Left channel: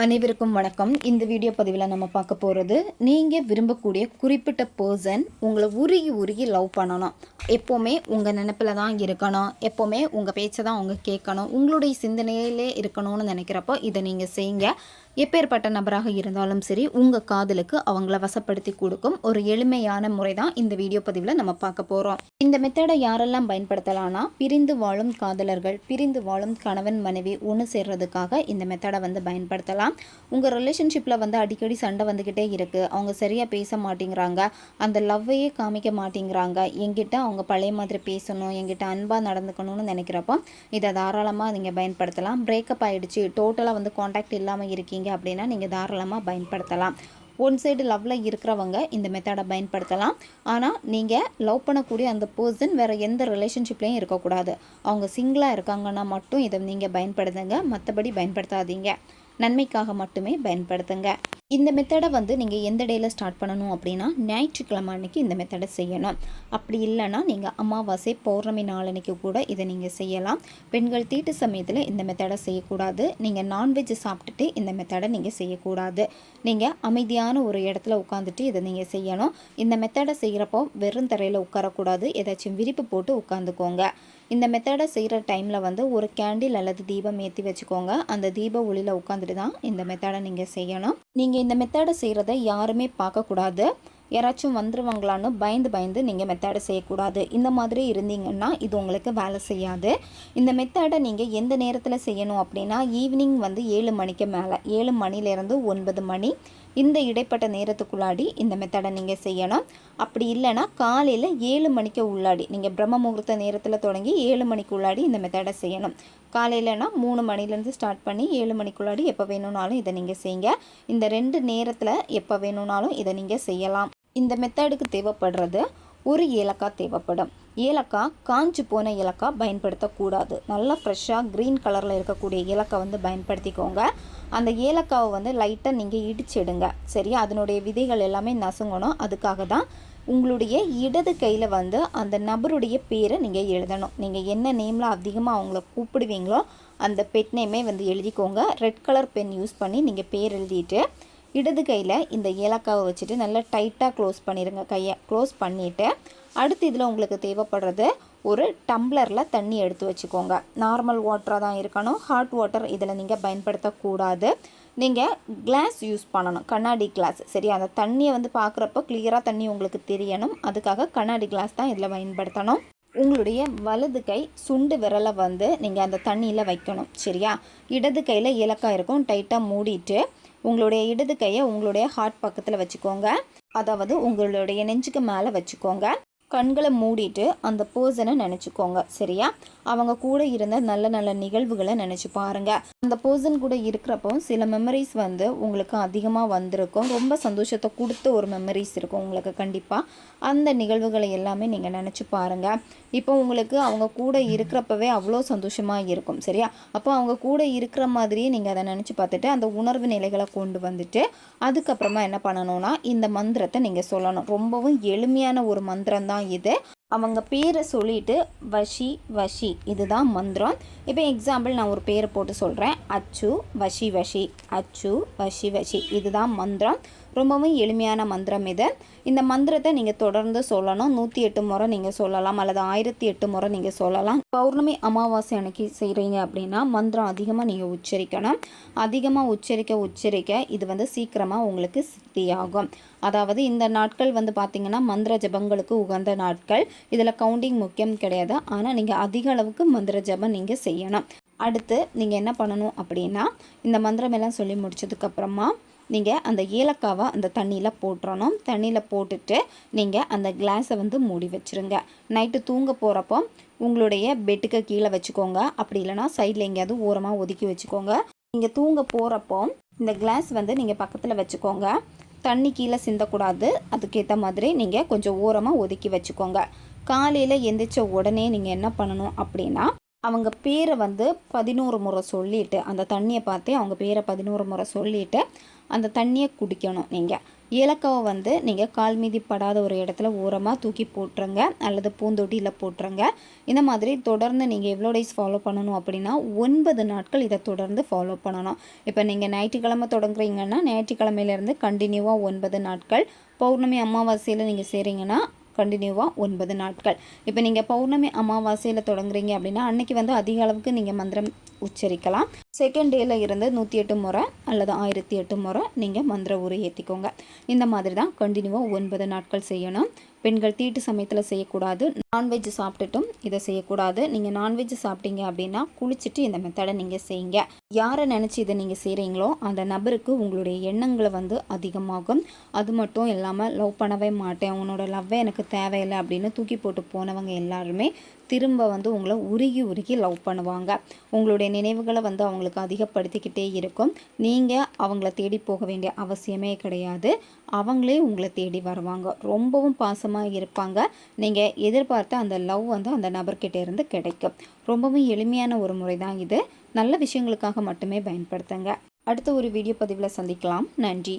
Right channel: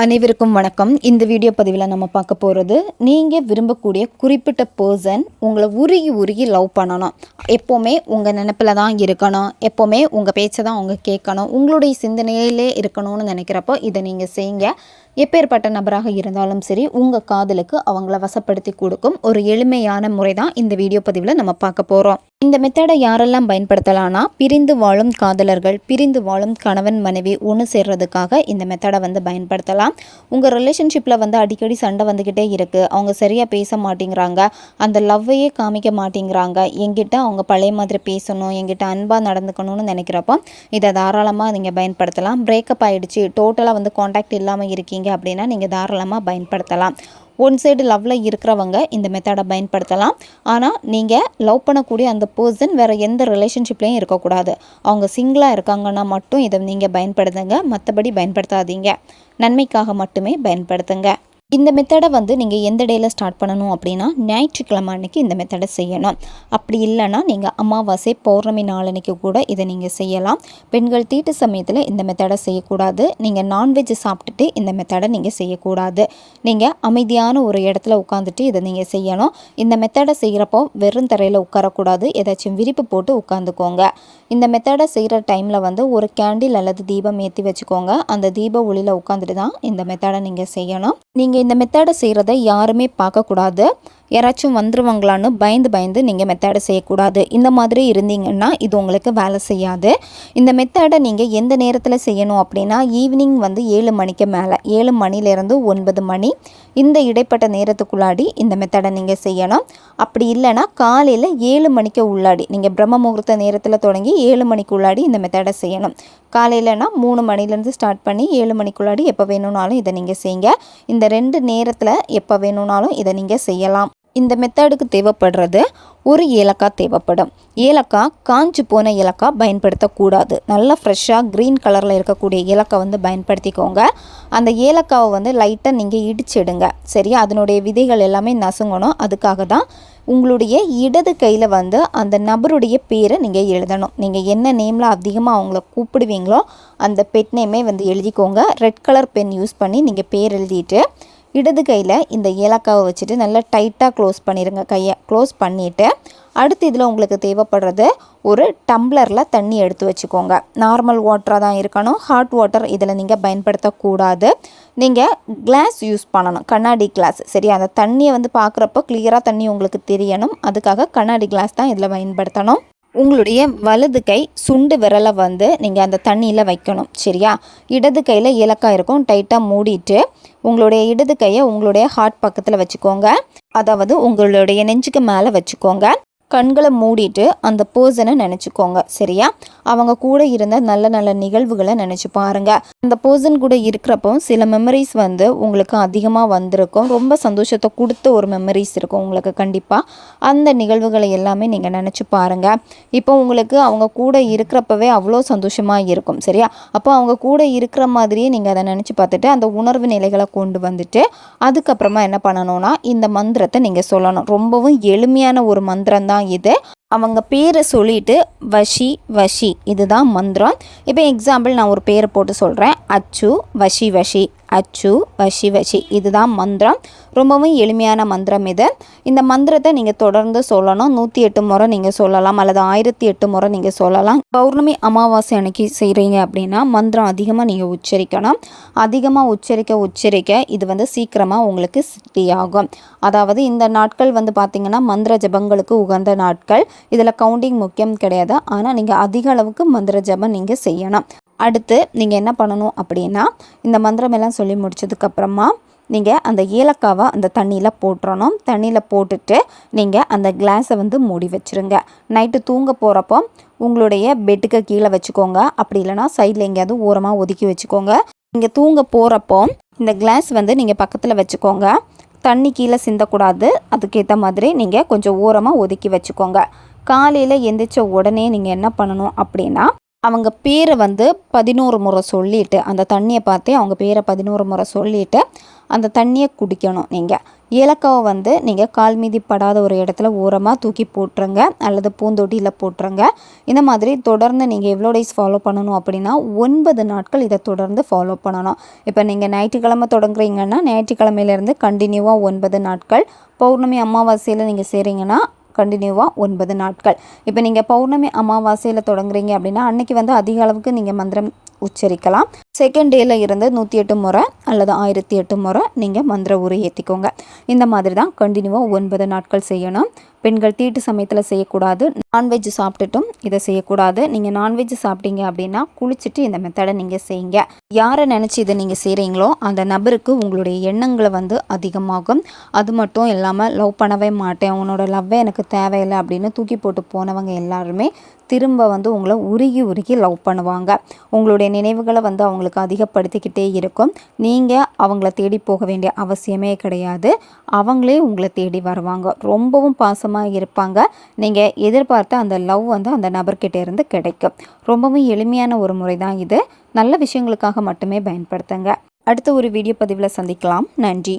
அனைவருக்கும் வணக்கம். இந்த வீடியோ பதிவில் நம்ம பார்க்க போகிறது நீங்கள் விரும்பக்கூடிய குறிப்பிட்ட பர்சன் உங்களை உருகி உருகி லவ் பண்ணணும். எப்போவுமே உங்கள் நினப்பில் தான் இருக்கணும். எப்போவுமே உங்கள் பேச்சை தான் அவங்க கேட்கணும். உங்களுடைய சிந்தனையிலே இருக்கணும்னு நினைக்கிறப்போ இதை நீங்கள் செய்யுங்க எப்பேற்பட்ட நபராக இருந்தாலும் சரி உங்கள் காதலுக்கு அவங்கள வசப்படுத்தி கொடுக்கும் ஒரு எளிமையான முறை தான் இந்த வீடியோ பதிவில் நம்ம பார்க்க போகிறோம் இந்த மெத்தடை யாரெல்லாம் பயன்படுத்தலாம்னா பிரிந்து வாழும் காதலர்கள் பிரிந்து வாழும் கணவன் மனைவி ஒன்று சேர்றதுக்காக இந்த மெத்தடை வந்து பயன்படுத்தலாம். உங்கள் ரிலேஷன்ஷிப்பில் வந்து அடிக்கடி சண்டை வந்துக்கிட்டே இருக்குது அவங்க சரியாக பேச மாட்டேங்கிறாங்க. அந்த லவ்வையே காமிக்க மாட்டேங்கிறாங்க. எங்கிட்ட அவங்க பழைய மாதிரி பேசணும் என்கிட்ட அன்பாக நடந்துக்கணும்னு நினைக்கிறப்போ இதை தாராளமாக நீங்கள் பயன்படுத்தலாம். பிரேக்கப் ஆகிடுச்சு டோட்டலாக வந்து காண்டாக்ட் இல்லாமல் இருக்கீங்க. அப்படின்னா நீங்கள் தாராளமாக பயன்படுத்தலாம். ஒன் சைடு லவ்வில் இருக்கிறவங்க இந்த மெத்தடை பயன்படுத்தலாம். ஆனால் நீங்கள் லவ் பண்ணக்கூடிய அந்த பர்சன் வேறு எந்த ரிலேஷன்ஷிப்லேயும் இருக்கக்கூடாது. அவங்க சிங்கிளாக இருக்காங்கன்னா மட்டும் இதை நீங்கள் பயன்படுத்துங்க. மற்றபடி பயன்படுத்தாதீங்க. நன்மைக்காக மட்டுமே பயன்படுத்துங்க. இந்த மெத்தடை வந்து நீங்கள் எந்த டேயில் ஸ்டார்ட் பண்ணணும் அப்படின்னா ஞாயிற்றுக்கிழமை அன்னைக்கு இந்த மெத்தடை செய்யணும். அப்படி இல்லைன்னா நீங்கள் அமாவாசை பௌர்ணமி நாளன்னைக்கு கூட இதை நீங்கள் செய்யலாம். பெண்கள் தீட்டு சமயத்தில் இந்த மெத்தடை செய்யக்கூடாது. நீங்கள் நான்வெஜ் சாப்பிட்டுட்டு இந்த மெத்தடை நீங்கள் செய்யக்கூடாது. நீங்கள் அமைதியான ஒரு இடத்துல உட்காந்துட்டு இதை நீங்கள் செய்யணும். இந்த மெத்தடை செய்கிறப்போ வெறும் தரையில் உட்காரக்கூடாது. ஏதாச்சும் விரிப்பு போட்டு உட்காந்துக்கோங்க இந்த மெத்தடை செய்கிற டைமில் வந்து ஒரு கேண்டில் அல்லது தீபம் ஏற்றி வச்சுக்கோங்க. அந்த தீப ஒளியில் உட்காந்துட்டு தான் இந்த மெத்தடை நீங்கள் செய்யணும். நீங்கள் இந்த மெத்தடை செய்கிறத யாருமே பார்க்கக்கூடாது. யாராச்சும் வந்துருவாங்களான்னு பயந்து பயந்து நீங்கள் மெத்தடை செய்யக்கூடாது. இந்த மாதிரி இருந்தீங்கன்னா இது உங்களுக்கு வேலை செய்யாது. இந்த மெத்தடை நீங்கள் எந்த நேரத்தில் செய்யணும் அப்படின்னா ஈவினிங் வந்து ஏழு மணிக்கு மேலே ஏழு மணிலேருந்து ஒன்பது மணி. இந்த இடைப்பட்ட நேரத்துக்குள்ளாடி இந்த மெத்தடை நீங்கள் செய்யணும். அப்படி இல்லைன்னா காலையில் ஏழு மணிக்கு உள்ளாடி. நீங்கள் பிரம்ம முகூர்த்த நேரத்தில் தொடங்கி ஏழு மணிக்கு உள்ளாடி இந்த மெத்தடை செய்யணும். காலையிலனா மூணு மணிலேருந்து ஸ்டார்ட் பண்ணி ஏழு மணிக்குள்ளாடி எப்போ வேணும்னாலும் இதை நீங்கள் செய்யுங்க. இந்த ரெண்டு நேரத்தில் எப்போ வேணும்னாலும் இதை நீங்கள் செய்யலாம். இந்த மெத்தடுக்கு தேவைப்படுறது ஒரு ஏலக்காய் தேவைப்படும். ஏலக்காய் காஞ்சு போன ஏலக்காய் பயன்படுத்தக்கூடாது. நல்லா ஃப்ரெஷ்ஷாக க்ரீன் கலரில் இருக்கக்கூடிய ஏலக்காய் வந்து பயன்படுத்திக்கோங்க. அந்த ஏலக்காவை வந்து லைட்டாக நீங்கள் இடிச்சிடுங்க. சரியா? அதனுடைய விதைகள் எல்லாமே நசுங்கணும். அதுக்காக தான் உங்களுடைய இடது கையில் வந்து அந்த நபருடைய பேரை நீங்கள் எழுதணும். நீங்கள் என்ன நேமில் அதிகமாக அவங்கள கூப்பிடுவீங்களோ அந்த பெட் நேமே வந்து எழுதிக்கோங்க. ரெட் கலர் பென் யூஸ் பண்ணி நீங்கள் பேர் எழுதிட்டு இடது கையில் இந்த ஏலக்காவை வச்சுட்டு நல்லா டைட்டாக க்ளோஸ் பண்ணிடுங்க கையை க்ளோஸ் பண்ணிவிட்டு அடுத்து இதில் உங்களுக்கு தேவைப்படுறது ஒரு டம்ளரில் தண்ணி எடுத்து வச்சுக்கோங்க. நார்மல் வாட்டராக தான் இருக்கணும். ஹாட் வாட்டர் இதில் நீங்கள் பயன்படுத்தக்கூடாது. நீங்கள் கிளாஸ் யூஸ் பண்ணணும். கண்ணாடி கிளாஸ் சரி அந்த தண்ணியை வந்து பார்க்குறப்போ கிளியராக தண்ணி உங்களுக்கு தெரியணும். அதுக்காக கண்ணாடி கிளாஸ் தான் இதில் பயன்படுத்தணும். உங்களுடைய வலது கை சுண்டு விரலை வந்து நீங்கள் அந்த தண்ணியில் வைக்கணும். சரியா? இடது கையில் ஏலக்காய் இருக்கும். டைட்டாக மூடிட்டு உங்களுடைய இடது கையை உங்களுடைய ஹார்ட் பக்கத்தில் வச்சுக்கோங்க. அதாவது உங்களுடைய நெஞ்சுக்கு மேலே வச்சுக்கோங்க. கண்களை மூடிட்டு அந்த பர்சனை நினச்சிக்கோங்க சரியா? அவங்க கூட இருந்த நல்ல நல்ல நிகழ்வுகளை நினச்சி பாருங்கள் அந்த பர்சன் கூட இருக்கிறப்போ சில மெமரிஸ் வந்து உங்களுக்கு அதிகமாக வந்திருக்கும். ரொம்ப சந்தோஷத்தை கொடுத்த ஒரு மெமரிஸ் இருக்கும் உங்களுக்கு கண்டிப்பாக அந்த நிகழ்வுகளை எல்லாமே நீங்கள் நினச்சி பாருங்கள் இப்போ உங்களுக்கு அவங்க கூட இருக்கிறப்பவே அவ்வளோ சந்தோஷமாக இருக்கும் சரியா? அப்போ அவங்க கூட இருக்கிற மாதிரியே நீங்கள் அதை நினச்சி பார்த்துட்டு அந்த உணர்வு நிலைகளை கொண்டு வந்துட்டு அதுக்கப்புறமா என்ன பண்ணணும்னா இந்த மந்திரத்தை நீங்கள் சொல்லணும். ரொம்பவும் எளிமையான ஒரு மந்திரம் தான் இது. அவங்க பேரை சொல்லிட்டு வஷி வஷி. இதுதான் மந்திரம். இப்போ எக்ஸாம்பிள் நான் ஒரு பேரை போட்டு சொல்கிறேன் அச்சு வஷி வஷி. அச்சு வஷி வஷி. இதுதான் மந்திரம். ரொம்பவும் எளிமையான மந்திரம் இது. இந்த மந்திரத்தை நீங்கள் தொடர்ந்து சொல்லணும். நூற்றி எட்டு முறை நீங்கள் சொல்லலாம். அல்லது ஆயிரத்தி எட்டு முறை நீங்கள் சொல்லலாம். பௌர்ணமி அமாவாசை அன்னைக்கு செய்கிறீங்க அப்படின்னா மந்திரம் அதிகமாக நீங்கள் உச்சரிக்கணும். அதிகமாக உச்சரிக்க உச்சரிக்க இது வந்து சீக்கிரமாக உங்களுக்கு சித்தி ஆகும் அதாவது இந்த நாட்கள் வந்து பார்த்திங்கன்னா மந்திர ஜபங்களுக்கு உகந்த நாட்கள். இதில் கவுண்டிங் முக்கியம் கிடையாது. ஆனால் நீங்கள் அதிக அளவுக்கு மந்திர ஜபம் நீங்கள் செய்யணும். அடுத்து நீங்கள் என்ன பண்ணணும் அப்படின்னா இந்த மந்திரம் எல்லாம் சொல்லி முடிச்சதுக்கப்புறமா நீங்கள் அந்த ஏலக்காவை அந்த தண்ணியில் போட்டுறணும். தண்ணியில் போட்டுட்டு நீங்கள் அந்த கிளாஸை வந்து மூடி வச்சுருங்க. நைட்டு தூங்க போகிறப்போ உங்களுடைய பெட்டுக்கு கீழே வச்சுக்கோங்க. அப்படி இல்லைனா சைடில் எங்கேயாவது ஓரமாக ஒதுக்கி வச்சுக்கோங்க. நீங்கள் தூங்க போகிறப்போ இந்த கிளாஸ் வந்து நீங்கள் பக்கத்தில் வச்சுக்கோங்க. தண்ணி கீழே சிந்தக்கூடாது. அதுக்கேற்ற மாதிரி நீங்கள் கொஞ்சம் ஓரமாக ஒதுக்கி வச்சுக்கோங்க. காலையில் எந்திரிச்ச உடனே நீங்கள் என்ன பண்ணணும் அப்படின்னா அவங்க பேரை வந்து பதினோரு முறை சொல்லிவிட்டு அந்த தண்ணியை பார்த்து அவங்க பேரை பதினோரு முறை சொல்லிவிட்டு அந்த தண்ணியை குடிக்கணும் நீங்கள் ஏலக்காவை வந்து நீங்கள் கால் மீதி படாத ஒரு இடத்துல ஓரமாக தூக்கி போட்டுருங்க அல்லது பூந்தொட்டியில் போட்டுருங்க. இந்த மாதிரி தொடர்ந்து நீங்கள் எவ்வளோ டேஸ் ஃபாலோ பண்ணணும் அப்படின்னா ஒன்பது நாட்கள் இதை தொடர்ந்து ஃபாலோ பண்ணணும். இப்போ நீங்கள் ஞாயிற்றுக்கிழமை தொடங்குறீங்கன்னா ஞாயிற்றுக்கிழமையிலேருந்து கண்டினியூவாக ஒன்பது நாட்கள். பௌர்ணமி அமாவாசையில் நீங்கள் செய்கிறீங்கன்னா கண்டினியூவாக ஒன்பது நாட்கள். இப்போ நீங்கள் பௌர்ணமி அமாவாசையில் தொடங்குறீங்க அப்படின்னா அன்னைக்கு வந்து அதிக அளவுக்கு நீங்கள் மந்திரம் உச்சரிக்கலாம். செகண்ட் டேல இருந்து நூற்றி எட்டு முறை அல்லது ஆயிரத்தி எட்டு முறை நீங்கள் மந்திர உரை ஏற்றிக்கோங்க இந்த மாதிரி தான் கண்டினியூவாக ஒன்பது நாட்கள் செய்யணும். பெண்கள் தீட்டு சமயத்தில் செய்யக்கூடாது. நான்வெஜ் சாப்பிட்டுட்டும் இதை செய்யக்கூடாது. நீங்கள் நான்வெஜ் சாப்பிட்டீங்க அப்படின்னா குளிச்சுட்டு இந்த மெத்தடை நீங்கள் செய்யுங்க. யாரை நினச்சி இதை நீங்கள் செய்கிறீங்களோ அந்த நபருக்கு உங்களுடைய எண்ணங்களை வந்து அதிகமாகும். அது மட்டும் இல்லாமல் லவ் பண்ணவே மாட்டேன். உன்னோட லவ்வே எனக்கு தேவையில்லை அப்படின்னு தூக்கி போட்டு போனவங்க எல்லாருமே திரும்ப வந்து உங்களை உருகி உருகி லவ் பண்ணுவாங்க. உங்களுடைய நினைவுகளை வந்து அவங்களுக்கு அதிகப்படுத்திக்கிட்டே இருக்கும். நீங்கள் அவங்கள தேடி போக வேண்டிய அவசியமே கிடையாது. அவங்களே உங்களை தேடி வருவாங்க. ரொம்பவும் பாசமாக இருப்பாங்க. நீங்கள் எதிர்பார்த்த அந்த லவ் வந்து அந்த நபர்கிட்ட இருந்து கிடைக்கும். ரொம்பவும் எளிமையான ஒரு முறை தான் இது. நல்ல விஷயங்களுக்காக மட்டுமே பயன்படுத்துங்க. அடுத்த ஒரு வீடியோ பதிவில் சந்திக்கலாம். நன்றி.